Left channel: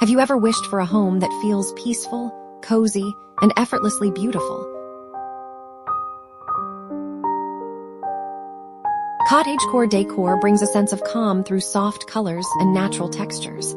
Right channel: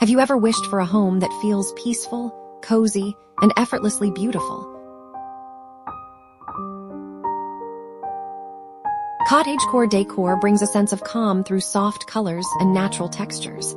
Have you ever wished for a home that feels peaceful, cozy, and effortlessly beautiful? Cottagecore decor brings a sense of calm through soft colors and natural textures.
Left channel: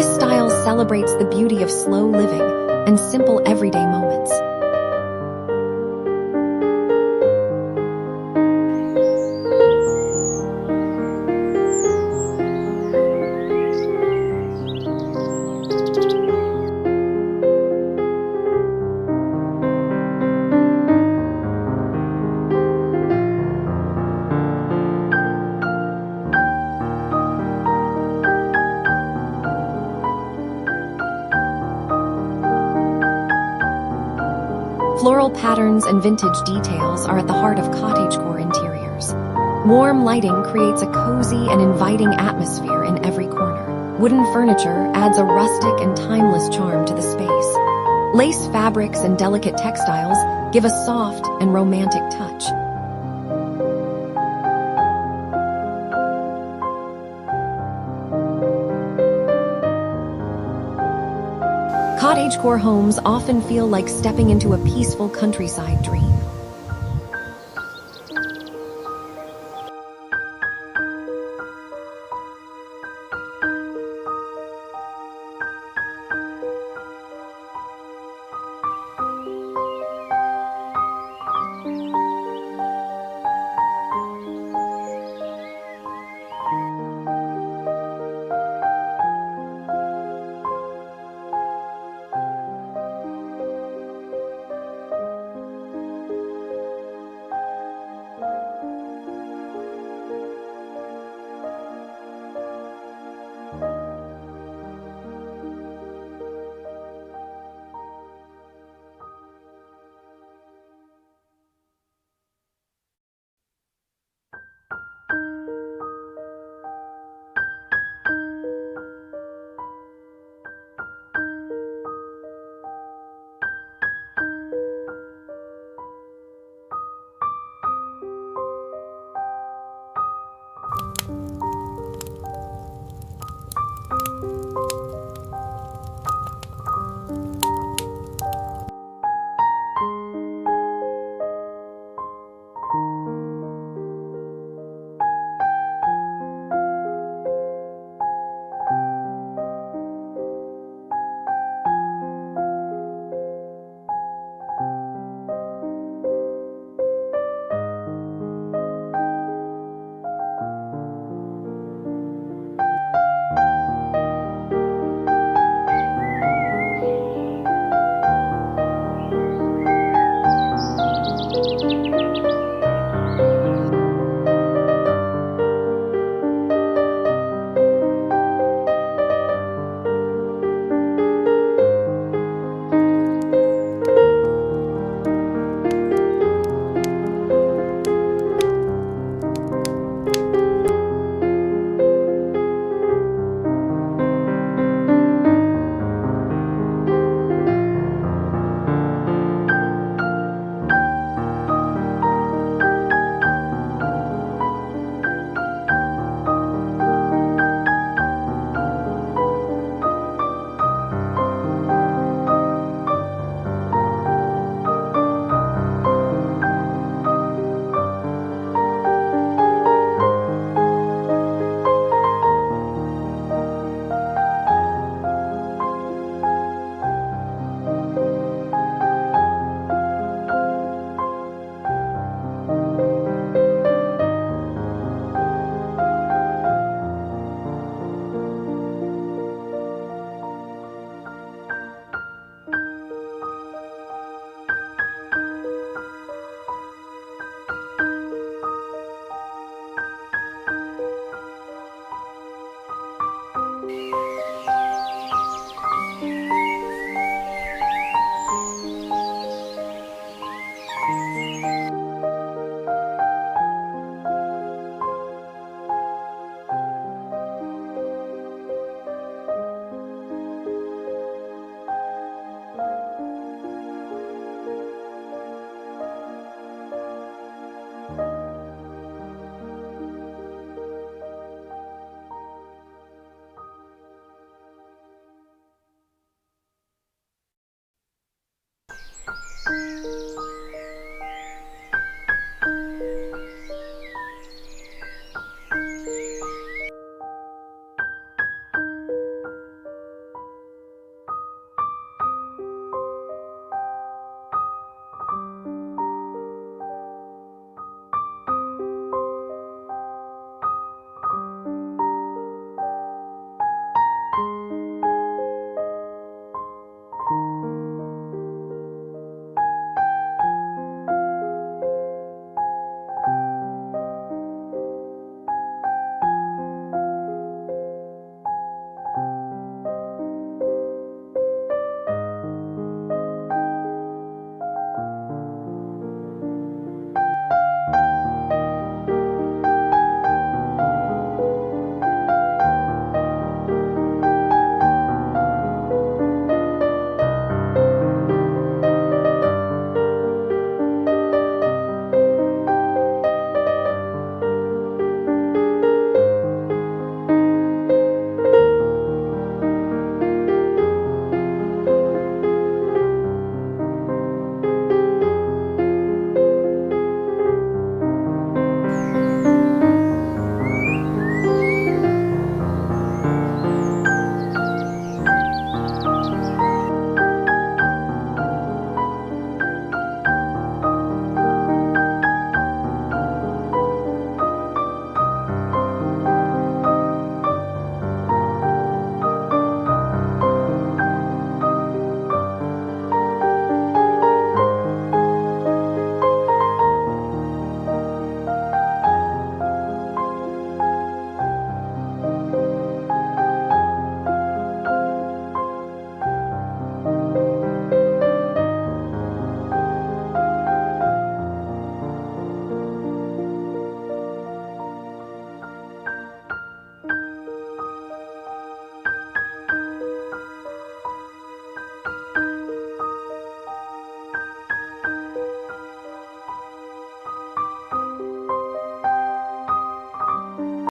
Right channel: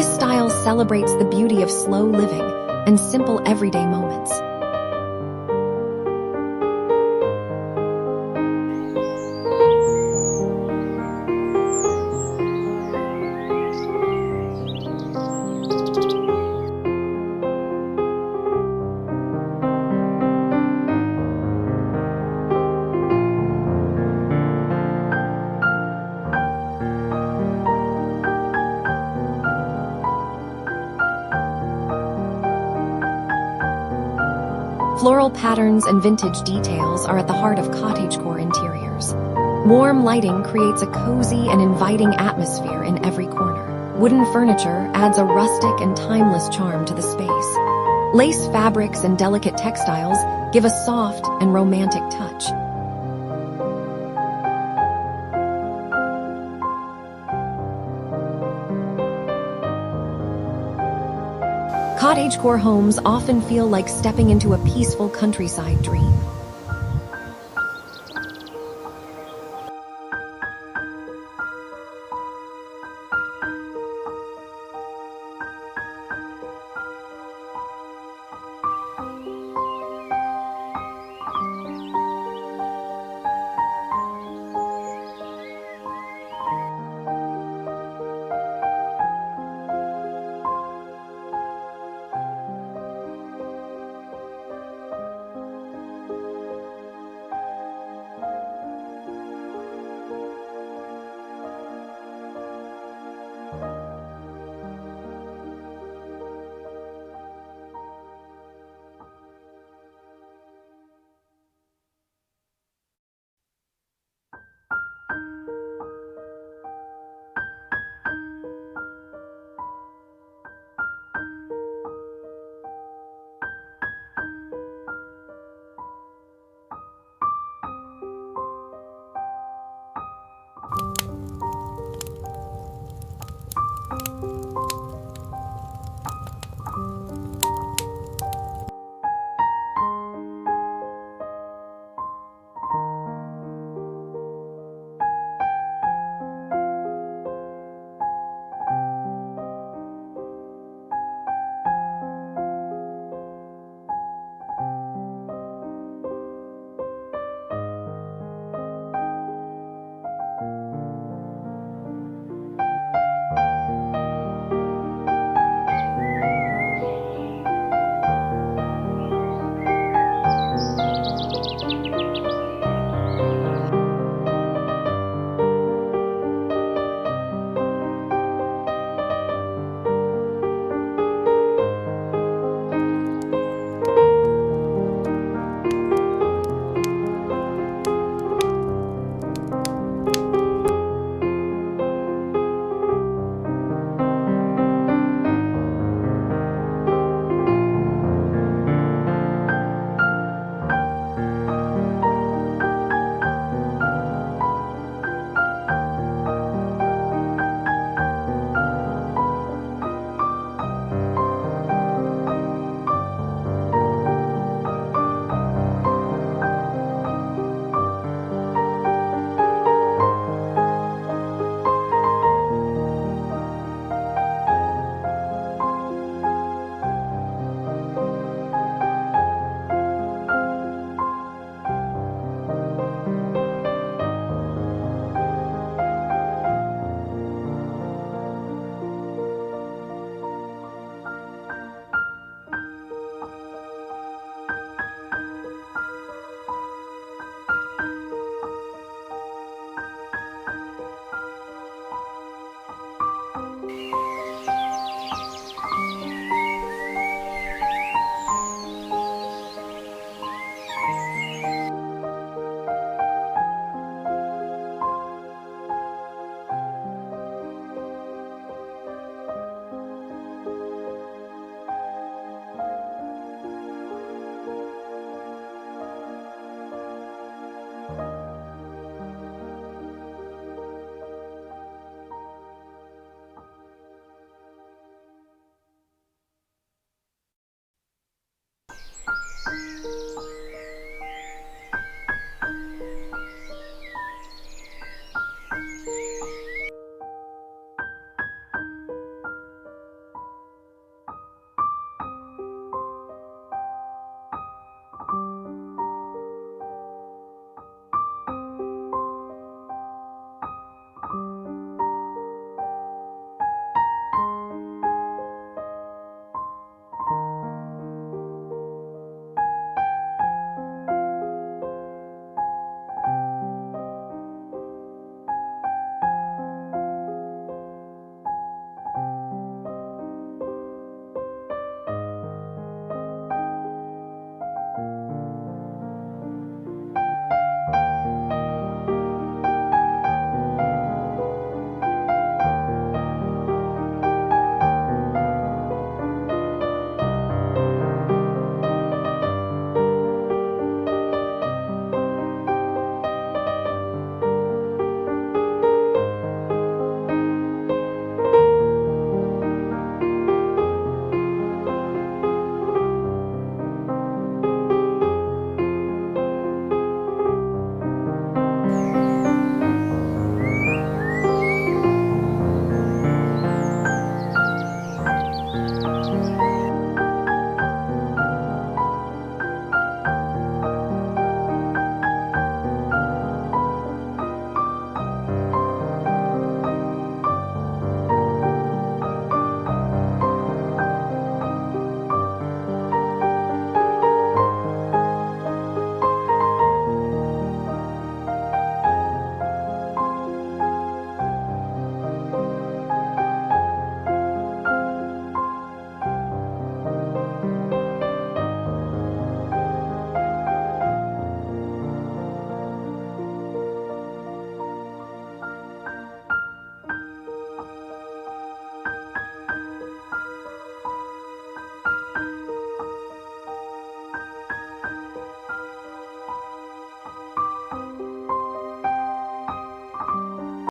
This style celebrates the beauty of slow living and simple everyday moments. Floral patterns and vintage details are at the heart of cottagecore interiors. Warm lighting creates a cozy and inviting atmosphere in every corner. Wooden furniture adds a rustic and timeless charm to the space. Lace fabrics and delicate textiles give a soft and romantic touch. Cottagecore homes often feel like stepping into a peaceful countryside dream.